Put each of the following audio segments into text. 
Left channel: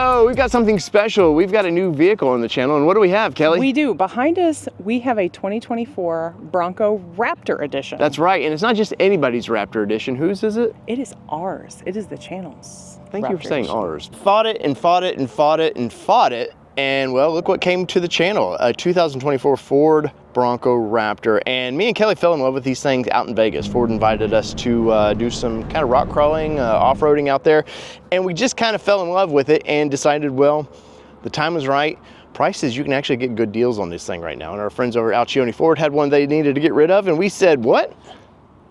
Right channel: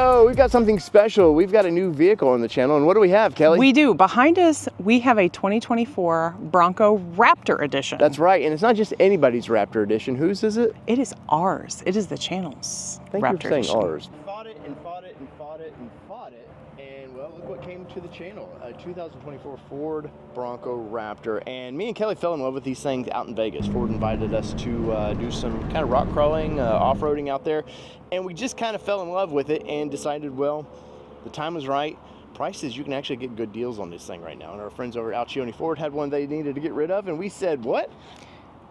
go. We've got something special. We've got a new vehicle on the channel. And what do we have, Kelly? We do. Behind us, we have a 2024 Bronco Raptor edition. That's right. And it's not just anybody's Raptor edition. Whose is it? It is ours. It is the channel's Thank you Raptor for saying edition. ours. Fought it and fought it and fought it and fought it. And well, look what came to the channel. A 2024 Ford Bronco Raptor. And me and Kelly fell in love with these things out in Vegas. Ford invited us to do some kind of rock crawling, off-roading out there. And we just kind of fell in love with it and decided, well, the time was right. Prices, you can actually get good deals on this thing right now. And our friends over at Alcione Ford had one they needed to get rid of. And we said, what?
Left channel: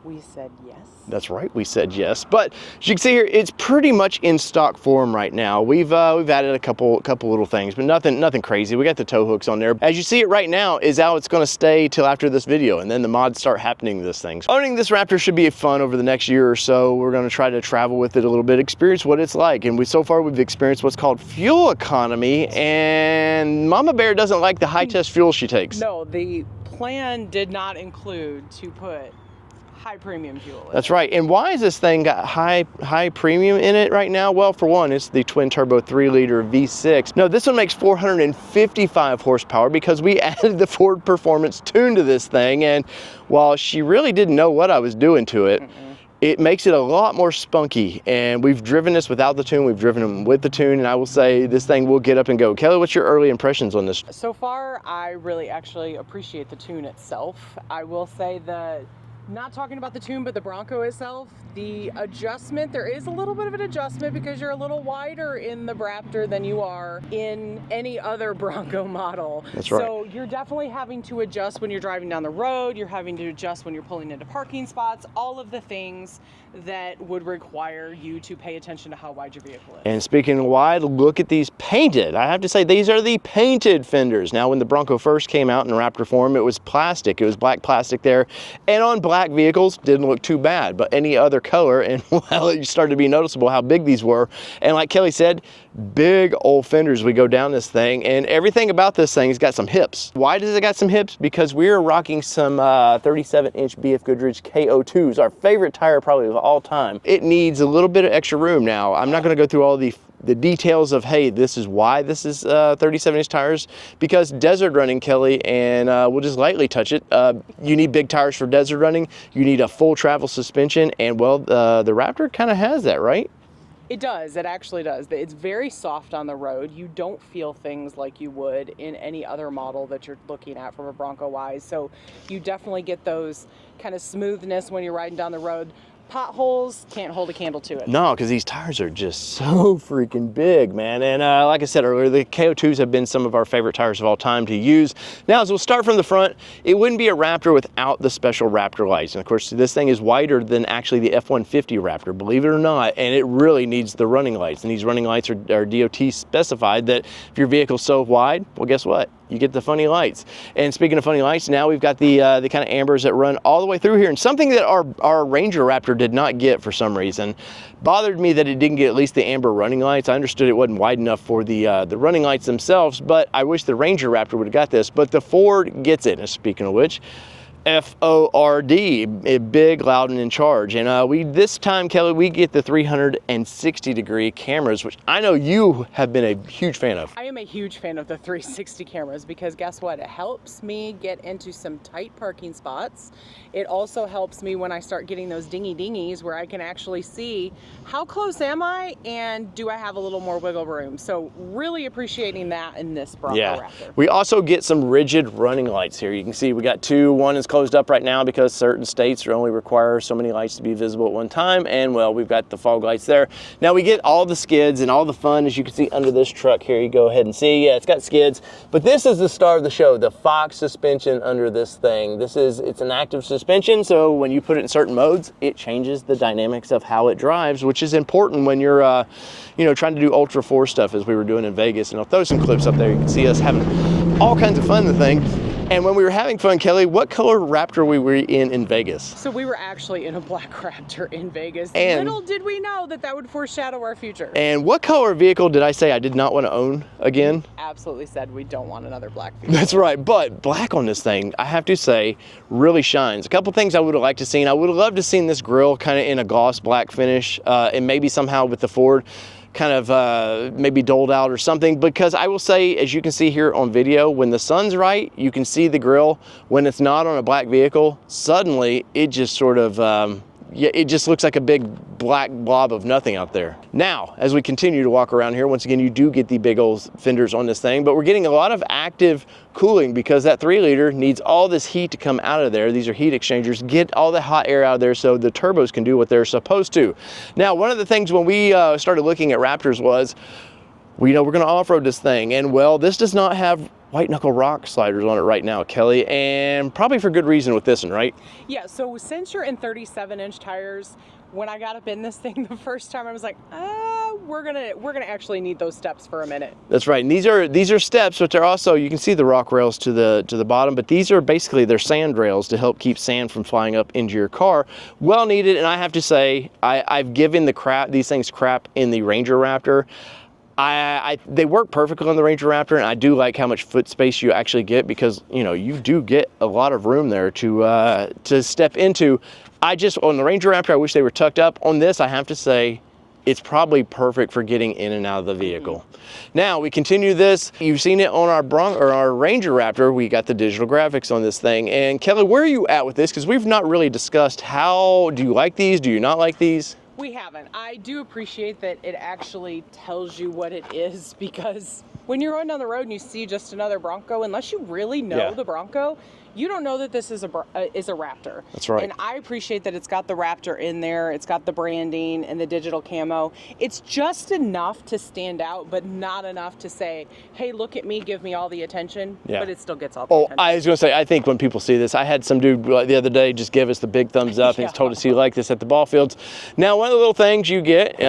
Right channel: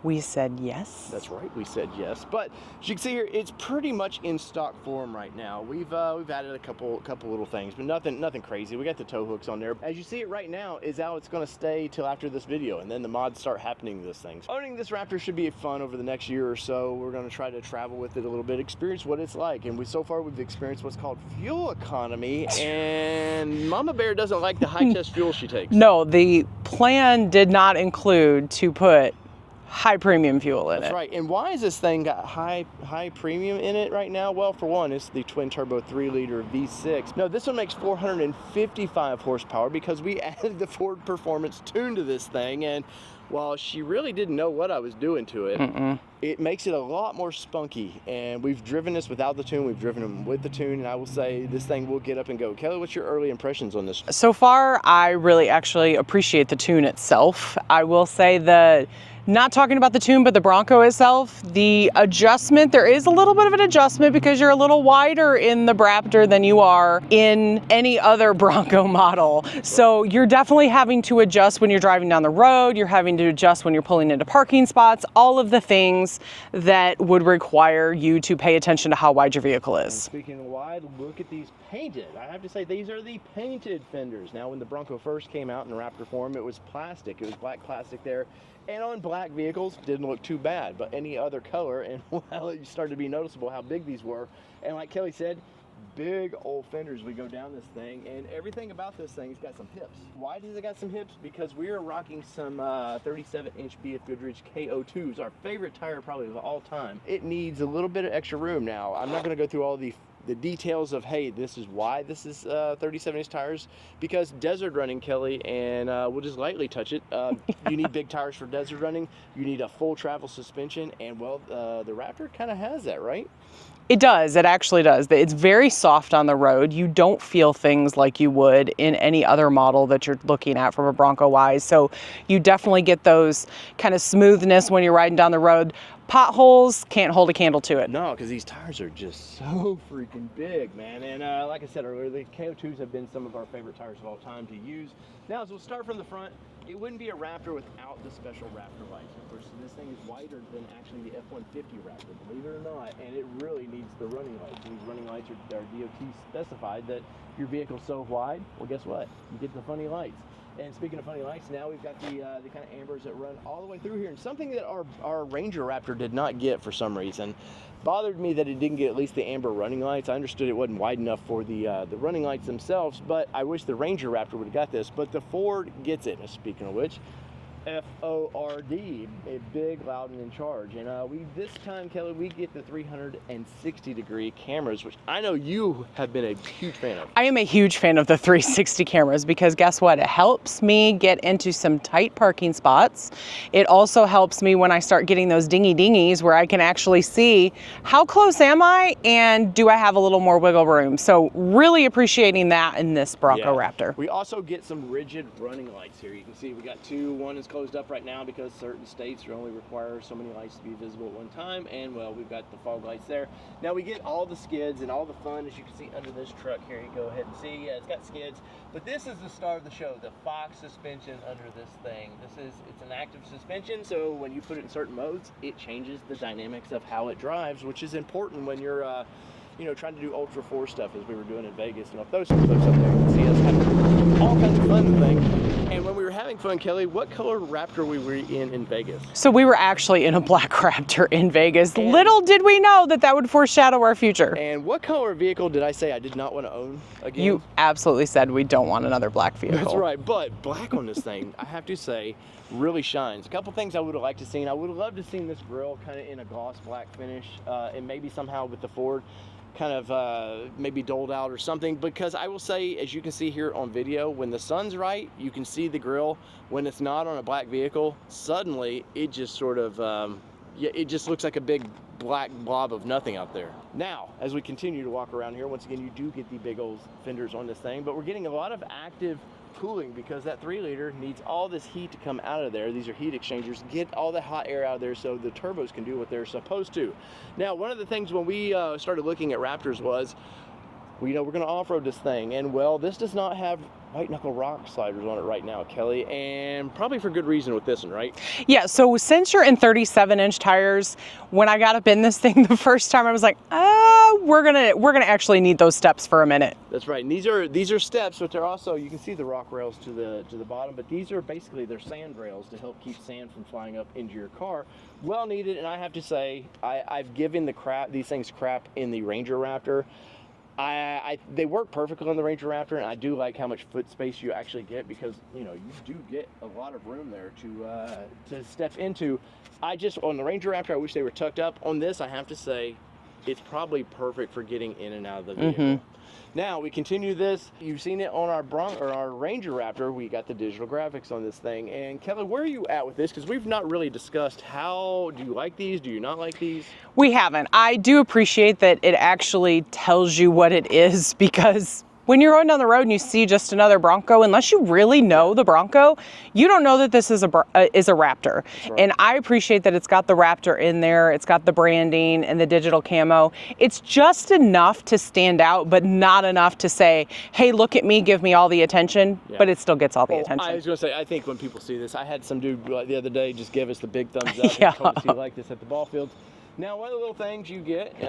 We said yes. That's right, we said yes. But as you can see here, it's pretty much in stock form right now. We've added a couple little things, but nothing crazy. We got the tow hooks on there. As you see it right now is how it's gonna stay till after this video, and then the mods start happening to this thing. So owning this Raptor should be fun over the next year or so. We're gonna try to travel with it a little bit, experience what it's like. And so far we've experienced what's called fuel economy, and Mama Bear doesn't like the high test fuel she takes. No, the plan did not include to put high premium fuel in That's it. right. And why is this thing got high premium in it right now? Well, for one, it's the twin turbo 3-liter V6. No, this one makes 455 horsepower because we added the Ford Performance tune to this thing. And while she really didn't know what I was doing to it, it makes it a lot more spunky. And we've driven this without the tune, we've driven them with the tune, and I will say this thing will get up and go. Kelly, what's your early impressions on this? So far, I really actually appreciate the tune itself. I will say that, not talking about the tune, but the Bronco itself, the adjustment, there is a little bit of an adjustment because you're a little wider in the BRaptor than you are in any other Bronco model. That's right. So you're definitely having to adjust when you're driving down the road, you're having to adjust when you're pulling into parking spots, all of the things that would require you to pay attention to how wide your vehicle is. And speaking of wide, look at these painted. I have to say, these are the painted fenders. Now, when the Bronco first came out in Raptor form, it was plastic. It was black plastic there. And on black vehicles, didn't look too bad, but any other color, and well, it started to be noticeable how big these were. And like Kelly said, big old fenders. We go down this thing, and everything about this thing has got some hips. Why does it got some hips? Because we're rocking some 37-inch BF Goodrich KO2s, our favorite tire probably of all time. It needs a little bit of extra room. Now, I'm not going to go through all the details of, hey, this is why this is 37-inch tires, because desert running, Kelly, and we'll just lightly touch it. You need big tires for desert running. You need a full travel suspension, and well, the Raptor kind of has that, right? It does, it actually does. It's very soft on the road. You don't feel things like you would in any other model that you're looking at from a Bronco wise. So you definitely get those kind of smoothness when you're riding down the road. Potholes can't hold a candle to it. No, because these tires are just so freaking big, man. And like I said earlier, the KO2s have been some of our favorite tires of all time to use. Now, as we'll start from the front, it wouldn't be a Raptor without the special Raptor lights. And of course, this thing is wider than actually the F150 Raptor, believe it or not, and it really needs the running lights. And these running lights are DOT specified that if your vehicle's so wide, well, guess what? You get the funny lights. And speaking of funny lights, now we've got the kind of ambers that run all the way through here. And something that our Ranger Raptor did not get for some reason, bothered me that it didn't get at least the amber running lights. I understood it wasn't wide enough for the running lights themselves, but I wish the Ranger Raptor would have got this. But the Ford gets it. And speaking of which, F-O-R-D, big, loud, and in charge. And this time, Kelly, we get the 360-degree cameras, which I know you have been a huge fan of. I am a huge fan of the 360 cameras because guess what? It helps me get into some tight parking spots. It also helps me when I start getting those dingies where I can actually see how close am I and do I have a little more wiggle room. So really appreciating that in this Bronco Raptor. We also get some rigid running lights here. You can see we got two. One is closed up right now because certain states only require so many lights to be visible at one time, and well, we've got the fog lights there. Now we get all the skids and all the fun, as you can see under this truck here. You go ahead and see, yeah, it's got skids, but this is the star of the show, the Fox suspension under this thing. It's an active suspension, so when you put it in certain modes, it changes the dynamics of how it drives, which is important when you're you know, trying to do Ultra 4 stuff as we were doing in Vegas. And I'll throw some clips up there. You can see us having all kinds of fun in the thing. And when we were having fun, Kelly, what color Raptor were we in Vegas? So we were actually in a black Raptor in Vegas. And little did we know that that would foreshadow our future. And what color vehicle did I say I did not want to own again? You absolutely said we don't want another black vehicle. That's right, but black on this thing, I have to say, really shines. A couple things I would have liked to seen. I would have loved to seen this grille kind of in a gloss black finish, and maybe somehow with the Ford. kind of maybe doled out or something, because I will say, as you can see here on video, when the sun's right, you can see the grill. When it's not on a black vehicle, suddenly it just sort of, yeah, it just looks like a big black blob of nothing out there. Now, as we continue to walk around here, once again, you do get the big old fenders on this thing, but we're getting a lot of active cooling because that 3-liter needs all this heat to come out of there. These are heat exchangers, get all the hot air out of there so the turbos can do what they're supposed to. Now, one of the things when we started looking at Raptors was, well, you know, we're gonna off-road this thing, and well, this does not have white knuckle rock sliders on it right now, Kelly, and probably for good reason with this one, right? Yeah, so since you're in 37-inch tires, when I got up in this thing the first time, I was like, we're gonna actually need those steps for a minute. That's right, and these are steps, but they're also, you can see the rock rails to the bottom, but these are basically, they're sand rails to help keep sand from flying up into your car. Well needed, and I have to say, I've given these things crap in the Ranger Raptor. They work perfectly on the Ranger Raptor, and I do like how much foot space you actually get, because you know you do get a lot of room there to step into. On the Ranger Raptor, I wish they were tucked up. On this, I have to say, it's probably perfect for getting in and out of the vehicle. Now we continue this. You've seen it on our Ranger Raptor. We got the digital graphics on this thing. And Kelly, where are you at with this? Because we've not really discussed how. Do you like these? Do you not like these? We haven't. I do appreciate that it actually tells you what it is, because when you're going down the road and you see just another Bronco, unless you really know the Bronco, you don't know that this is a Raptor. That's right. And I appreciate that it's got the Raptor in there, it's got the branding and the digital camo. It's just enough to stand out, but not enough to say, hey, look at me, give me all the attention, but it still gets all the attention. I was gonna say, I think when people see this, I had some dude the other day just give us the big thumbs up. He told us he liked this at the ball fields. Now, one of the little things you get,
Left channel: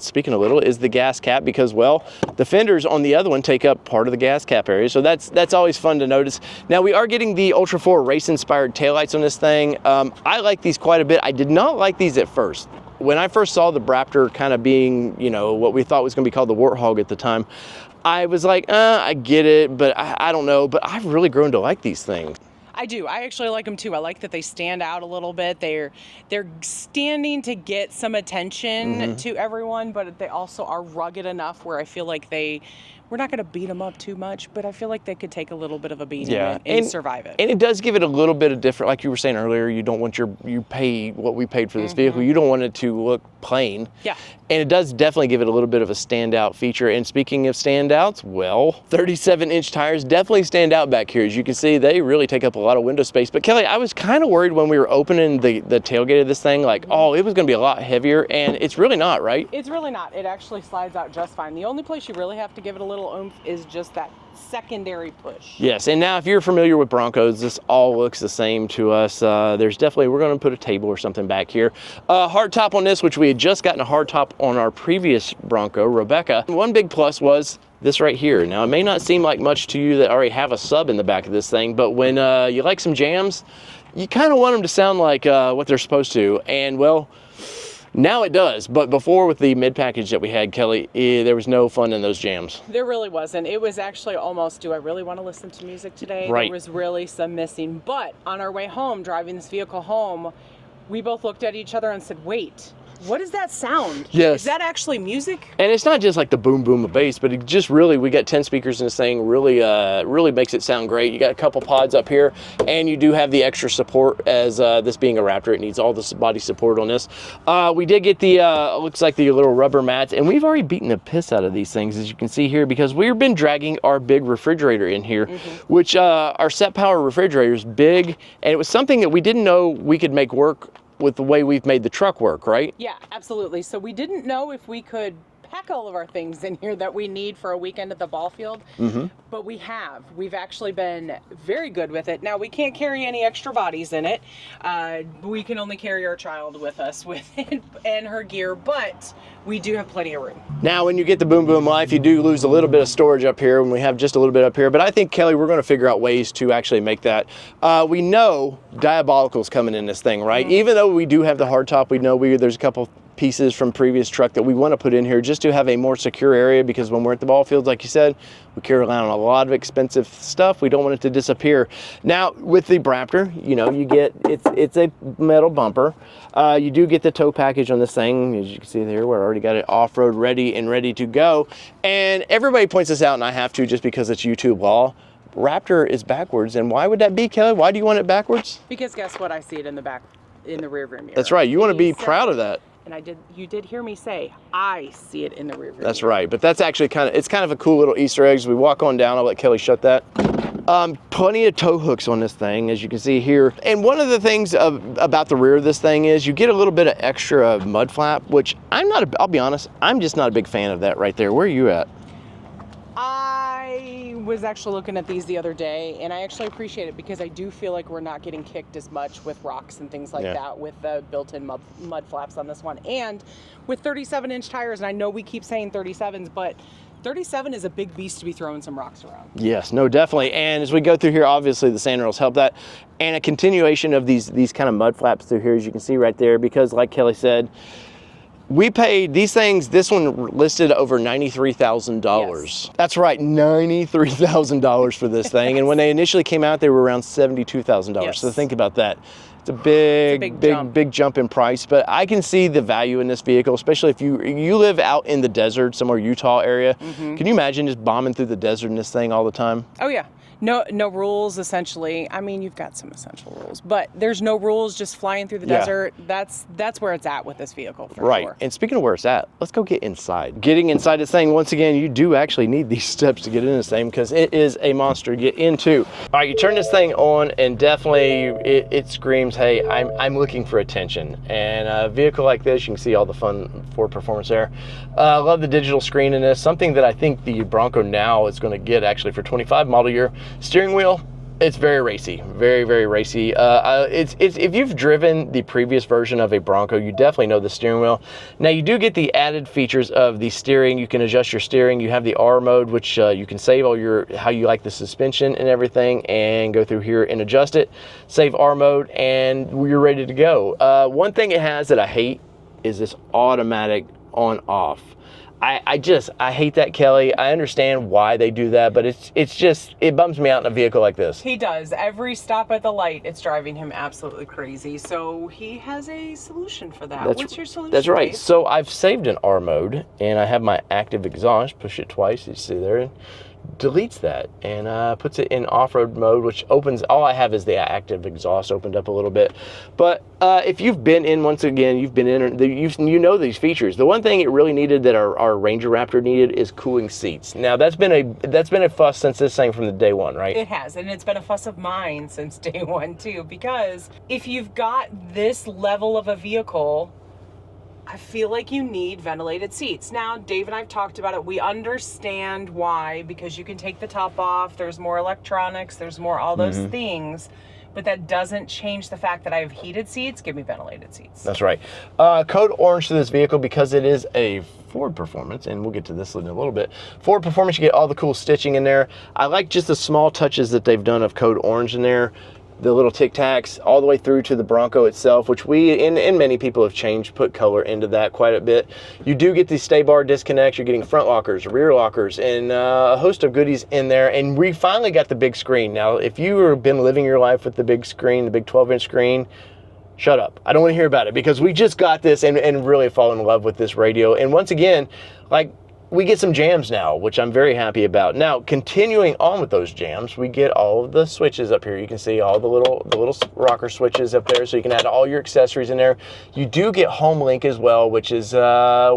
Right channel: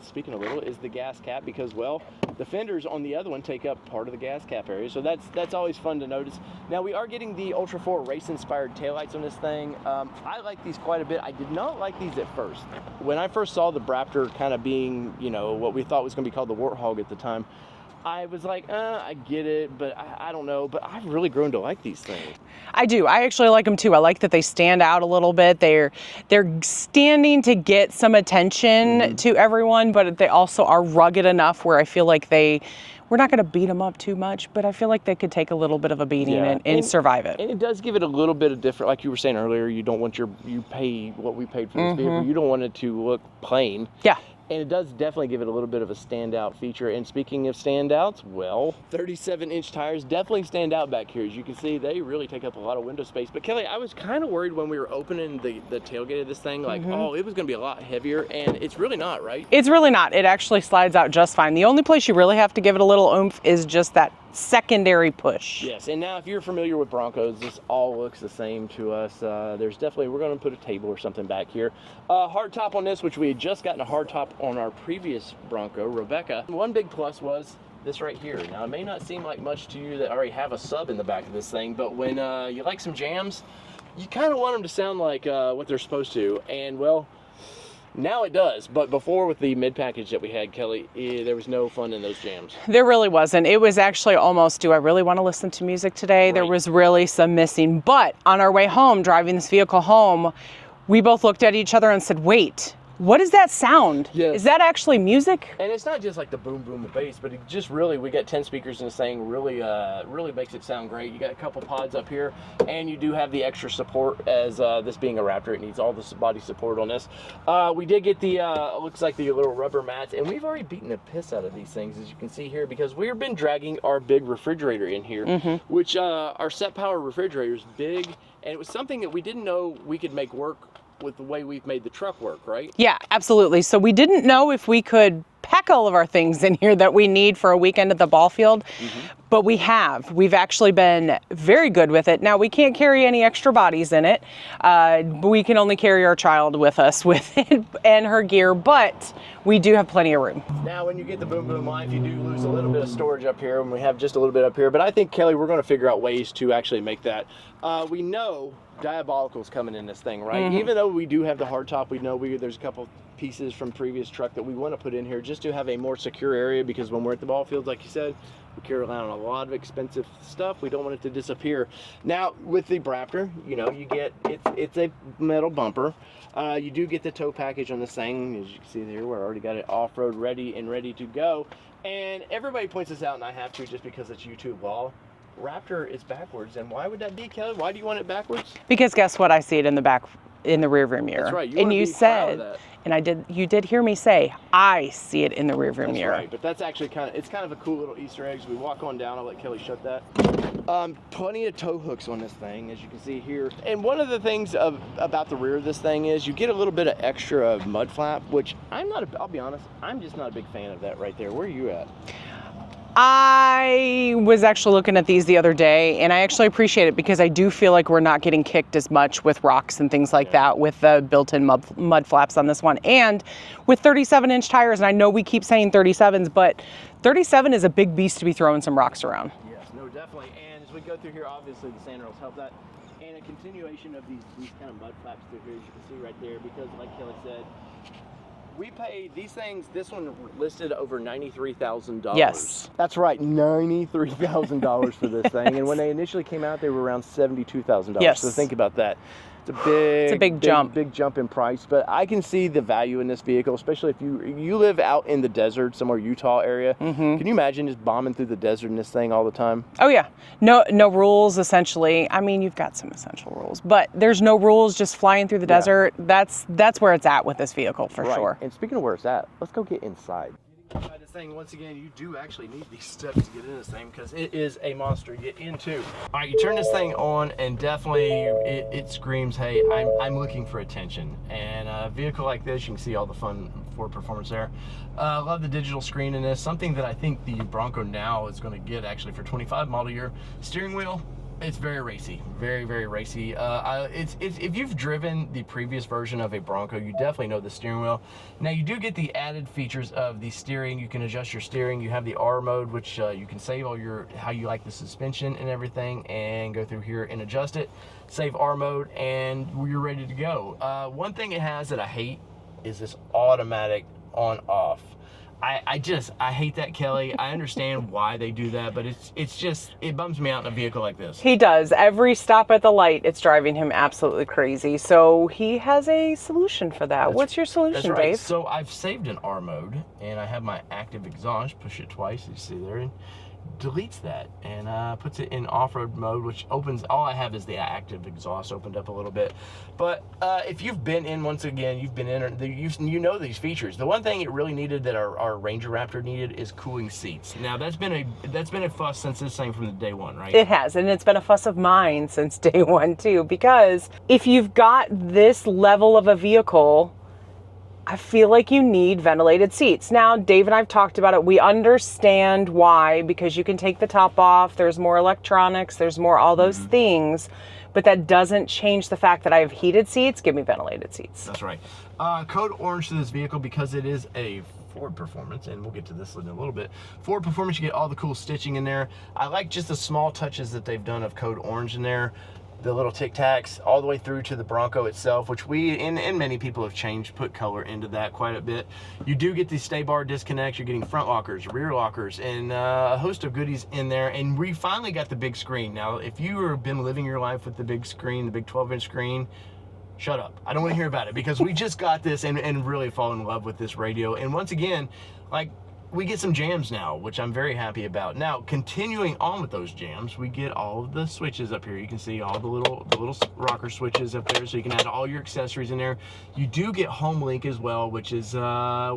speaking of little, is the gas cap, because, well, the fenders on the other one take up part of the gas cap area, so that's always fun to notice. Now we are getting the Ultra 4 race inspired taillights on this thing. I like these quite a bit. I did not like these at first. When I first saw the BRaptor kind of being, you know, what we thought was going to be called the Warthog at the time, I was like, I get it, but I don't know. But I've really grown to like these things. I do. I actually like them too. I like that they stand out a little bit. They're standing to get some attention to everyone, but they also are rugged enough where I feel like we're not going to beat them up too much, but I feel like they could take a little bit of a beating and survive it. And it does give it a little bit of different, like you were saying earlier, you don't want you pay what we paid for this vehicle. You don't want it to look plain. Yeah. And it does definitely give it a little bit of a standout feature. And speaking of standouts, well, 37-inch tires definitely stand out back here. As you can see, they really take up a lot of window space. But Kelly, I was kind of worried when we were opening the tailgate of this thing, like, oh, it was going to be a lot heavier, and it's really not, right? It's really not. It actually slides out just fine. The only place you really have to give it a little oomph is just that secondary push. Yes, and now if you're familiar with Broncos, this all looks the same to us. There's definitely, we're going to put a table or something back here. Hard top on this, which we had just gotten a hard top on our previous Bronco, Rebecca. One big plus was this right here. Now, it may not seem like much to you that already have a sub in the back of this thing, but when you like some jams, you kind of want them to sound like what they're supposed to. And well, now it does, but before with the mid package that we had, Kelly, there was no fun in those jams. There really wasn't. It was actually almost, do I really want to listen to music today? Right. There was really some missing. But on our way home, driving this vehicle home, we both looked at each other and said, wait, what is that sound? Yes. Is that actually music? And it's not just like the boom boom of bass, but it just really, we got 10 speakers in this thing, really makes it sound great. You got a couple pods up here, and you do have the extra support as this being a Raptor. It needs all this body support on this. We did get the, looks like the little rubber mats, and we've already beaten the piss out of these things, as you can see here, because we've been dragging our big refrigerator in here, which our set power refrigerator is big, and it was something that we didn't know we could make work with the way we've made the truck work, right? Yeah, absolutely. So we didn't know if we could pack all of our things in here that we need for a weekend at the ball field, but we have. We've actually been very good with it. Now, we can't carry any extra bodies in it. We can only carry our child with us with it and her gear, but we do have plenty of room. Now, when you get the Boom Boom Life, you do lose a little bit of storage up here, and we have just a little bit up here, but I think, Kelly, we're gonna figure out ways to actually make that. We know Diabolical's coming in this thing, right? Even though we do have the hardtop, we know there's a couple pieces from previous truck that we want to put in here just to have a more secure area, because when we're at the ball fields, like you said, we carry around a lot of expensive stuff. We don't want it to disappear. Now with the BRaptor, you know, you get, it's a metal bumper. You do get the tow package on this thing. As you can see there, we're already got it off-road ready to go. And everybody points this out, and I have to just because it's YouTube law. Raptor is backwards, and why would that be, Kelly? Why do you want it backwards? Because guess what? I see it in the back, in the rear view mirror. That's right. You want to be proud of that. And you did hear me say, I see it in the rear view mirror. That's right. But that's actually it's kind of a cool little Easter egg. As we walk on down, I'll let Kelly shut that. Plenty of tow hooks on this thing, as you can see here. And one of the things about the rear of this thing is you get a little bit of extra mud flap, which I'll be honest, I'm just not a big fan of that right there. Where are you at? I was actually looking at these the other day, and I actually appreciate it because I do feel like we're not getting kicked as much with rocks and things like that with the built-in mud flaps on this one. And with 37-inch tires, and I know we keep saying 37s, but 37 is a big beast to be throwing some rocks around. Yes, no, definitely. And as we go through here, obviously the sand rails help that. And a continuation of these kind of mud flaps through here, as you can see right there, because like Kelly said, we paid these things, this one listed over $93,000. Yes. That's right, $93,000 for this thing. And when they initially came out, they were around $72,000. Yes. So think about that. It's a big jump in price, but I can see the value in this vehicle, especially if you live out in the desert, somewhere Utah area. Mm-hmm. Can you imagine just bombing through the desert in this thing all the time? Oh yeah, no rules essentially. I mean, you've got some essential rules, but there's no rules, just flying through the desert. That's where it's at with this vehicle for sure. And speaking of where it's at, let's go get inside. Getting inside this thing, once again, you do actually need these steps to get in this thing because it is a monster to get into. All right, you turn this thing on and definitely it screams, hey, I'm looking for attention. And a vehicle like this, you can see all the fun Ford performance there. I love the digital screen in this. Something that I think the Bronco now is going to get actually for 25 model year. Steering wheel, it's very racy, very racy. If you've driven the previous version of a Bronco, you definitely know the steering wheel. Now you do get the added features of the steering. You can adjust your steering. You have the R mode, which you can save all your how you like the suspension and everything, and go through here and adjust it. Save R mode, and you're ready to go. One thing it has that I hate is this automatic on off. I hate that, Kelly. I understand why they do that, but it bums me out in a vehicle like this. He does. Every stop at the light, it's driving him absolutely crazy. So he has a solution for that. What's your solution, That's right. Dave? So I've saved an R mode, and I have my active exhaust. Push it twice, you see there, and deletes that and puts it in off-road mode, which opens, all I have is the active exhaust opened up a little bit. But if you've been in, once again, you've been in, you know these features. The one thing it really needed that our Ranger Raptor needed is cooling seats. Now that's been a fuss since this thing from the day one, right? It has, and it's been a fuss of mine since day one too, because if you've got this level of a vehicle, I feel like you need ventilated seats. Now, Dave and I have talked about it. We understand why, because you can take the top off, there's more electronics, there's more all those things, but that doesn't change the fact that I have heated seats. Give me ventilated seats. That's right. Code orange to this vehicle because it is a Ford Performance, and we'll get to this in a little bit. Ford Performance, you get all the cool stitching in there. I like just the small touches that they've done of code orange in there. The little tic tacs all the way through to the Bronco itself, which we and many people have put color into that quite a bit. You do get these stay bar disconnects. You're getting front lockers, rear lockers, and a host of goodies in there. And we finally got the big screen. Now, if you have been living your life with the big screen, the big 12-inch screen, shut up. I don't want to hear about it because we just got this and really fallen in love with this radio. And once again, like, we get some jams now, which I'm very happy about. Now, continuing on with those jams, we get all of the switches up here. You can see all the little rocker switches up there, so you can add all your accessories in there. You do get Home Link as well, which is,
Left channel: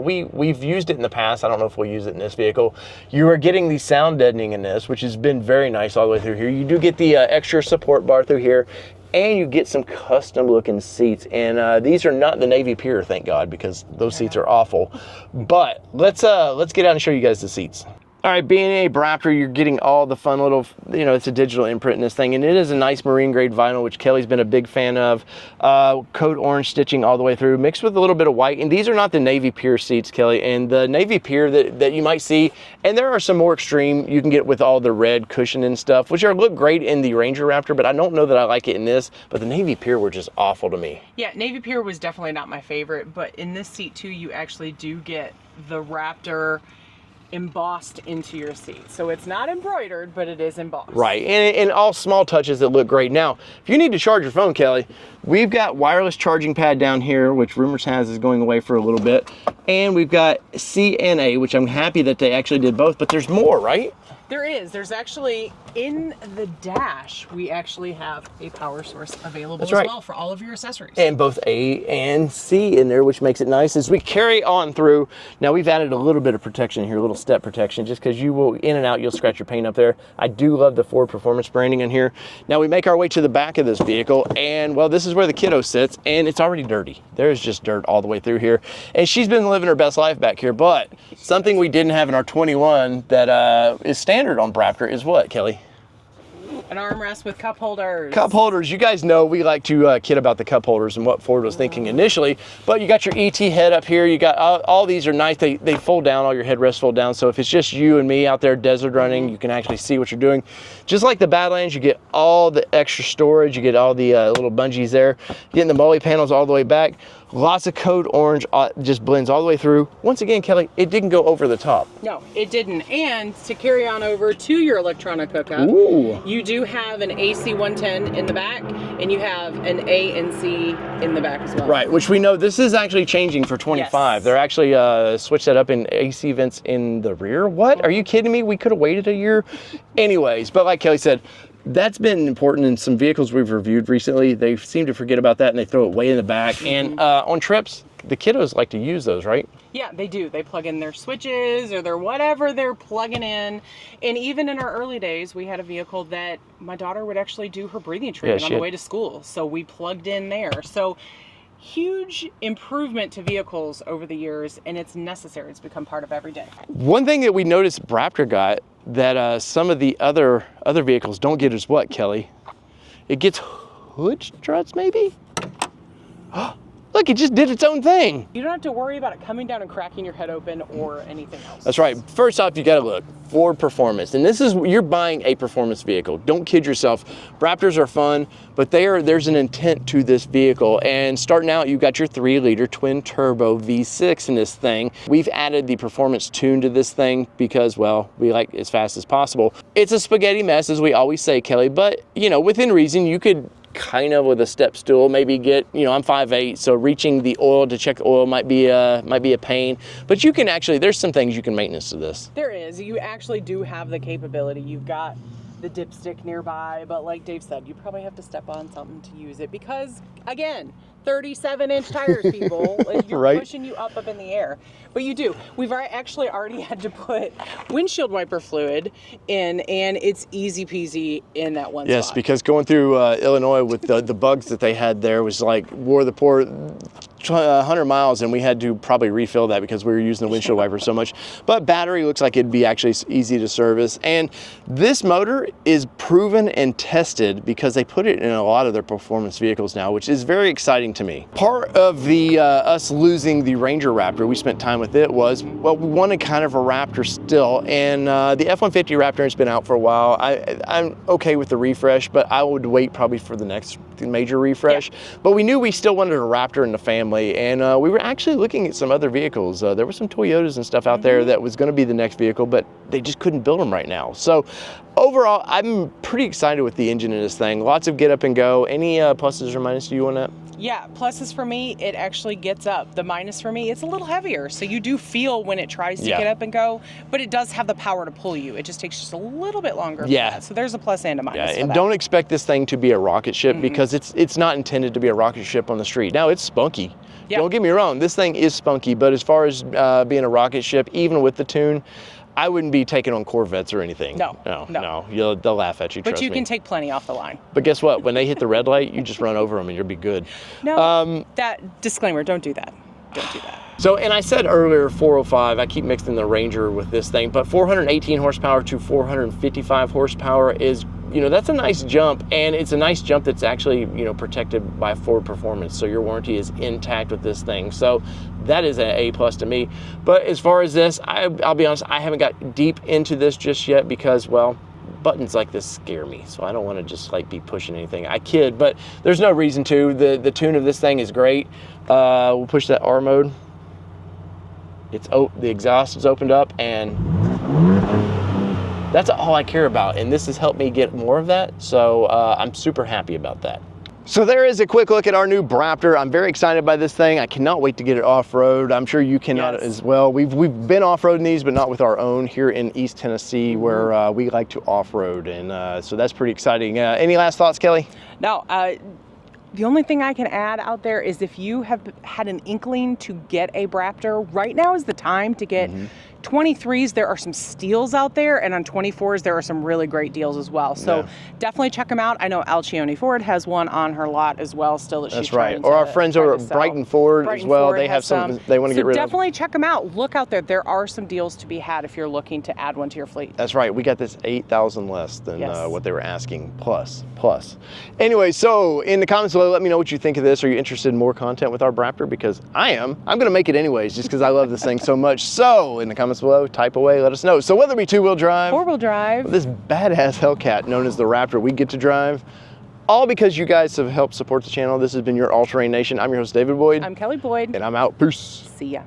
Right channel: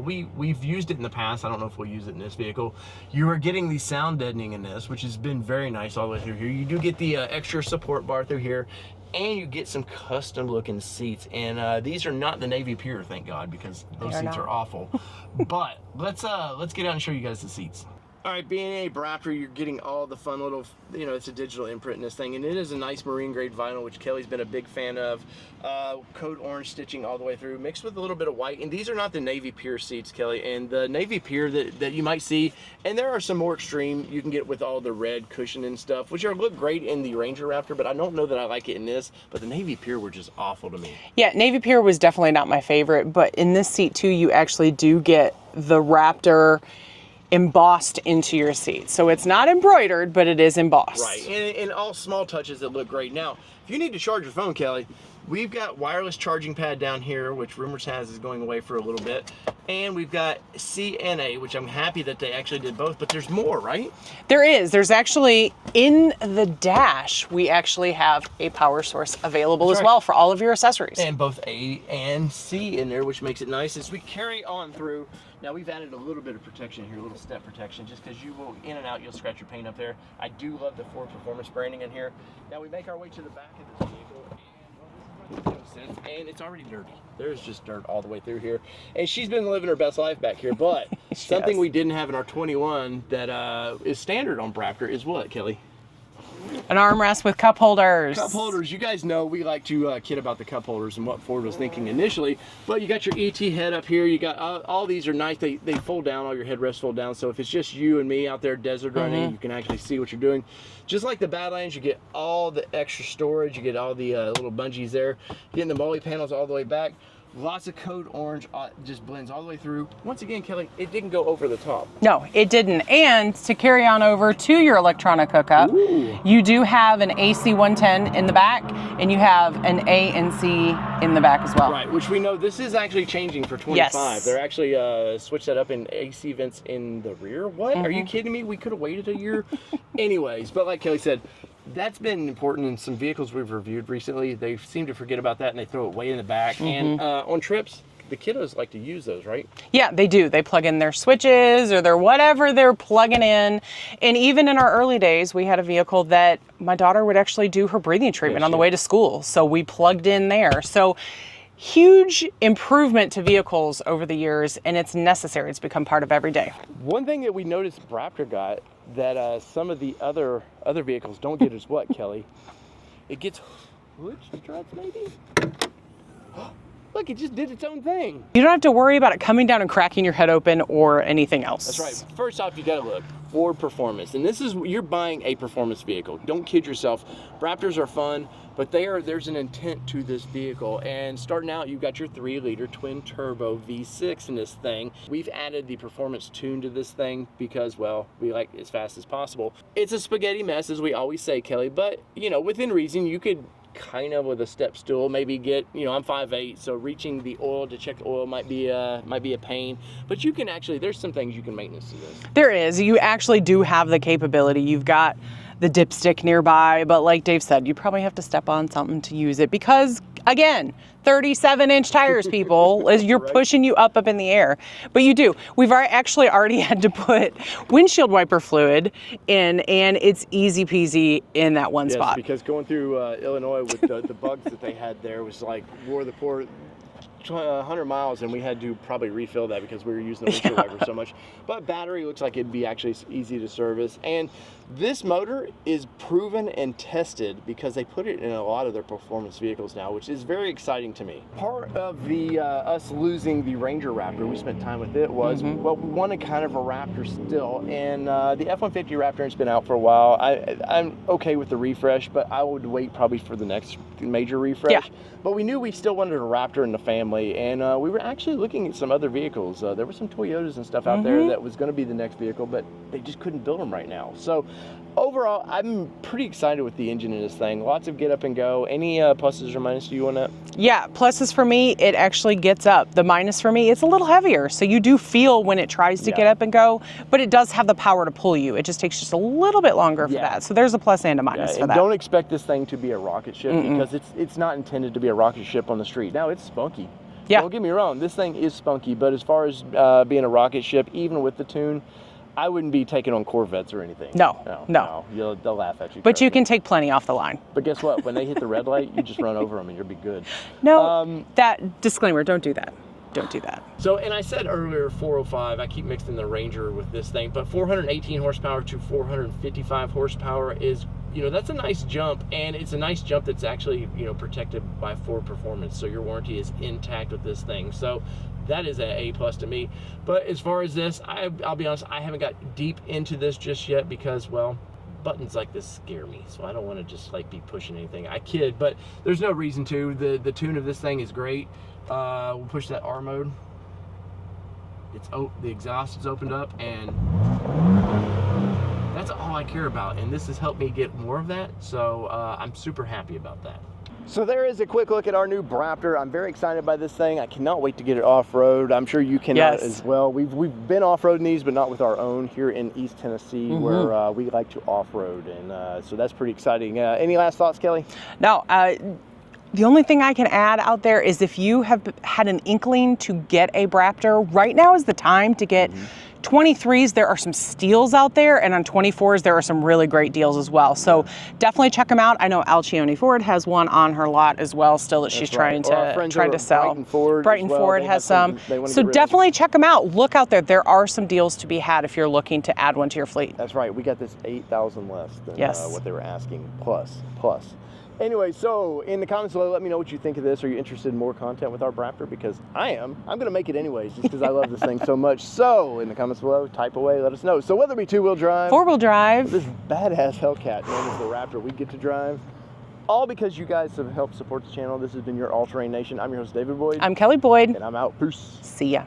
we've used it in the past. I don't know if we'll use it in this vehicle. You are getting the sound deadening in this, which has been very nice all the way through here. You do get the extra support bar through here, and you get some custom looking seats. And these are not the Navy Pier, thank God, because those seats are awful. But let's get out and show you guys the seats. All right, being a BRaptor, you're getting all the fun little, you know, it's a digital imprint in this thing, and it is a nice marine grade vinyl, which Kelly's been a big fan of. Coat orange stitching all the way through, mixed with a little bit of white. And these are not the navy pier seats, Kelly. And the navy pier that you might see, and there are some more extreme you can get with all the red cushion and stuff, which look great in the Ranger Raptor, but I don't know that I like it in this. But the navy pier were just awful to me. Yeah, navy pier was definitely not my favorite, but in this seat too, you actually do get the Raptor embossed into your seat. So it's not embroidered, but it is embossed. Right, and all small touches that look great. Now, if you need to charge your phone, Kelly, we've got wireless charging pad down here, which Rumors has is going away for a little bit. And we've got C and A, which I'm happy that they actually did both, but there's more, right? There is. There's actually, in the dash, we actually have a power source available as well for all of your accessories. And both A and C in there, which makes it nice. As we carry on through, now we've added a little bit of protection here, a little step protection, just because you will, in and out, you'll scratch your paint up there. I do love the Ford Performance branding in here. Now we make our way to the back of this vehicle, and well, this is where the kiddo sits, and it's already dirty. There's just dirt all the way through here. And she's been living her best life back here, but something we didn't have in our 21 that is standard on BRaptor is what, Kelly? An armrest with cup holders. Cup holders. You guys know we like to kid about the cup holders and what Ford was thinking initially, but you got your ET head up here. You got all these are nice. They fold down, all your headrests fold down. So if it's just you and me out there desert running, you can actually see what you're doing. Just like the Badlands, you get all the extra storage. You get all the little bungees there. Getting the MOLLE panels all the way back. Lots of code orange, just blends all the way through. Once again, Kelly, it didn't go over the top. No, it didn't. And to carry on over to your electronic hookup, you do have an AC 110 in the back, and you have an A and C in the back as well. Right, which we know this is actually changing for 25. Yes. They're actually switched that up in AC vents in the rear. What? Are you kidding me? We could have waited a year. Anyways, but like Kelly said, that's been important in some vehicles we've reviewed recently. They seem to forget about that and they throw it way in the back. And on trips, the kiddos like to use those, right? Yeah, they do. They plug in their switches or their whatever they're plugging in. And even in our early days, we had a vehicle that my daughter would actually do her breathing treatment on the way to school. So we plugged in there. So huge improvement to vehicles over the years, and it's necessary. It's become part of every day. One thing that we noticed BRaptor got that some of the other vehicles don't get is what, Kelly? It gets hood struts, maybe? Look, it just did its own thing. You don't have to worry about it coming down and cracking your head open or anything else. That's right. First off, you gotta look. Ford Performance. And this is, you're buying a performance vehicle. Don't kid yourself. Raptors are fun, but there's an intent to this vehicle. And starting out, you got your 3-liter twin turbo V6 in this thing. We've added the performance tune to this thing because, well, we like as fast as possible. It's a spaghetti mess, as we always say, Kelly, but you know, within reason, you could kind of with a step stool maybe get, you know, I'm 5'8", so reaching the oil to check the oil might be a pain, but you can actually, there's some things you can maintenance to this. There is. You actually do have the capability. You've got the dipstick nearby, but like Dave said, you probably have to step on something to use it because, again, 37-inch tires, people. You're pushing you up in the air. But you do. We've actually already had to put windshield wiper fluid in, and it's easy peasy in that one spot. Yes, because going through Illinois with the bugs that they had there was like wore the poor 100 miles, and we had to probably refill that because we were using the windshield wiper so much. But battery looks like it'd be actually easy to service. And this motor is proven and tested because they put it in a lot of their performance vehicles now, which is very exciting to me. Part of the us losing the Ranger Raptor, we spent time with it, was, well, we wanted kind of a Raptor still. And the F-150 Raptor has been out for a while. I'm okay with the refresh, but I would wait probably for the next major refresh. Yeah. But we knew we still wanted a Raptor in the family. And we were actually looking at some other vehicles. There were some Toyotas and stuff out there that was going to be the next vehicle, but they just couldn't build them right now. So overall, I'm pretty excited with the engine in this thing. Lots of get up and go. Any pluses or minuses to you on that? Yeah, pluses for me, it actually gets up. The minus for me, it's a little heavier. So you do feel when it tries to get up and go, but it does have the power to pull you. It just takes just a little bit longer for that. So there's a plus and a minus for that. Don't expect this thing to be a rocket ship because it's not intended to be a rocket ship on the street. Now, it's spunky. Yeah. Don't get me wrong, this thing is spunky, but as far as being a rocket ship, even with the tune, I wouldn't be taking on Corvettes or anything. No. They'll laugh at you. But you can take plenty off the line. But guess what? When they hit the red light, you just run over them and you'll be good. No, that disclaimer, don't do that. don't do that. So, and I said earlier 405, I keep mixing the Ranger with this thing, but 418 horsepower to 455 horsepower is, you know, that's a nice jump, and it's a nice jump that's actually, you know, protected by Ford Performance, so your warranty is intact with this thing. So that is an A+ to me. But as far as this, I'll be honest, I haven't got deep into this just yet because, well, buttons like this scare me, so I don't want to just like be pushing anything. I kid, but there's no reason to. The tune of this thing is great. We'll push that R mode. The exhaust is opened up, and that's all I care about, and this has helped me get more of that, so I'm super happy about that. So there is a quick look at our new BRaptor. I'm very excited by this thing. I cannot wait to get it off-road. I'm sure you cannot as well. We've been off-roading these, but not with our own here in East Tennessee, where we like to off-road, and so that's pretty exciting. Any last thoughts, Kelly? No. The only thing I can add out there is if you have had an inkling to get a BRaptor, right now is the time to get 23s. There are some steals out there, and on 24s there are some really great deals as well. So definitely check them out. I know Alcione Ford has one on her lot as well still that she's trying to sell. Or our friends over at Brighton Ford as well. They have some they want to get rid of. So definitely check them out. Look out there. There are some deals to be had if you're looking to add one to your fleet. That's right. We got this 8,000 less than what they were asking, plus. Anyway, so in the comments below, let me know what you think of this. Are you interested in more content with our BRaptor? Because I am. I'm going to make it anyways, just because I love this thing so much. So in the comments below, type away, let us know. So whether it be two-wheel drive, four-wheel drive, this badass Hellcat known as the Raptor we get to drive, all because you guys have helped support the channel. This has been your All Terrain Nation. I'm your host, David Boyd. I'm Kelly Boyd. And I'm out. Peace. See ya.